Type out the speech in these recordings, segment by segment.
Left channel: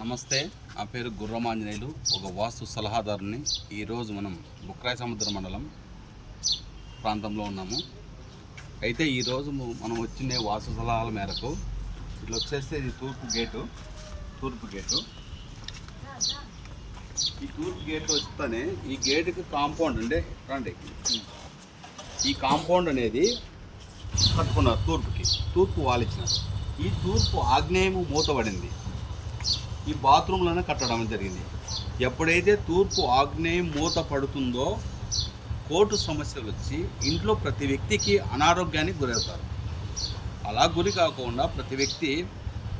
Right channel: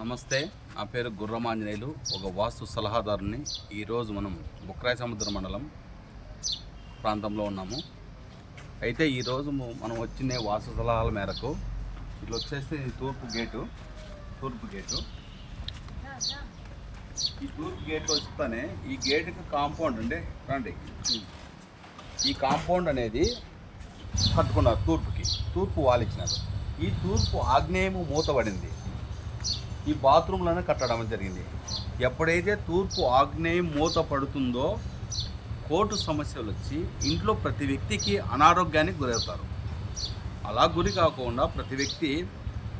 నమస్తే, నా పేరు గుర్రమాంజనేయులు, ఒక వాస్తు సలహాదారుని. ఈరోజు మనం బుక్రాయ సముద్ర మండలం ప్రాంతంలో ఉన్నాము. అయితే ఈరోజు మనం వచ్చిన వాస్తు సలహాల మేరకు ఇట్లా వచ్చేస్తే ఇది తూర్పు గేటు. ఈ తూర్పు గేట్ వస్తానే ఈ గేటుకి కాంపౌండ్ అండి రండి. ఈ కాంపౌండ్ అనేది కట్టుకున్నారు, తూర్పు వాలిచ్చినారు. ఈ తూర్పు ఆగ్నేయము మూతబడింది. ఈ బాత్రూంలోనే కట్టడం జరిగింది. ఎప్పుడైతే తూర్పు ఆగ్నేయం మూత పడుతుందో కోర్టు సమస్యలు వచ్చి ఇంట్లో ప్రతి వ్యక్తికి అనారోగ్యానికి గురవుతారు. అలా గురి కాకుండా ప్రతి వ్యక్తి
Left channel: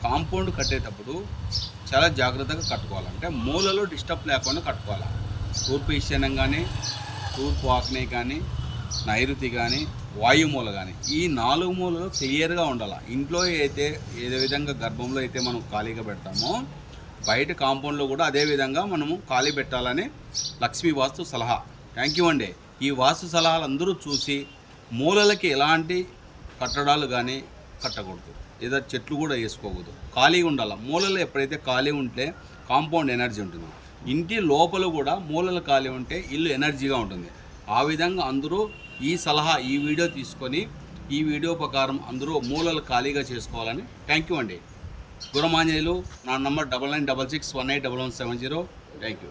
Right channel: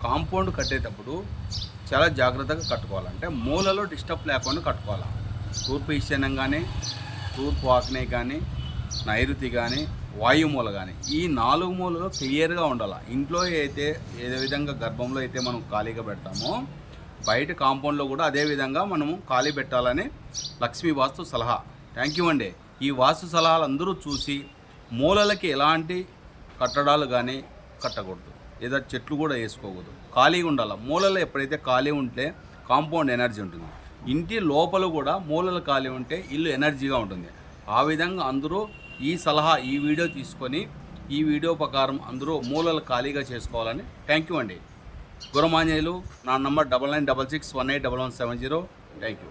కాంపౌండ్ కట్టేటప్పుడు చాలా జాగ్రత్తగా కట్టుకోవాలంటే మూలలో డిస్టర్బ్ లేకుండా కట్టుకోవాలి. తూర్పు ఈశాన్యం కానీ, తూర్పు ఆగ్నేయం కానీ, నైరుతి కానీ, వాయుమూల కానీ, ఈ 4 మూలలు క్లియర్గా ఉండాలి. ఇంట్లో అయితే ఏ విధంగా గర్భంలో అయితే మనం ఖాళీగా పెడతామో బయట కాంపౌండ్లో కూడా అదే విధంగా మనము ఖాళీ పెట్టాలని లక్ష్మీ వాస్తు సలహా. థ్యాంక్ యూ అండి. ఈ వాస్తు సలహాలు అందరూ చూసి మూలలకి ఎలాంటి కట్టడాలు కానీ కట్టకూడదు, ఏదో చెట్లు కూడా వేసుకోకూడదు, ఖాళీగా ఉండాలి. మూలలు ఎప్పుడైతే ఖాళీ ఉంటే కాంపౌండ్ ఎనర్జీ ఉంటుంది. ఇంటి లోపల కూడా మూలలు ఖాళీ ఉంటే ఇల్లు ఎనర్జీగా ఉంటుంది. ఆ విధంగా అందరూ ఈ సలహా, ఈ వీడియో తీసుకొని ఈ వీడియో ప్రకారం అందరూ మూలలు ఖాళీగా చేసుకోవాలని. థ్యాంక్ యూ అండి. గుర్రమాంజనేయులు. నా నంబర్ 9966181170. Thank you.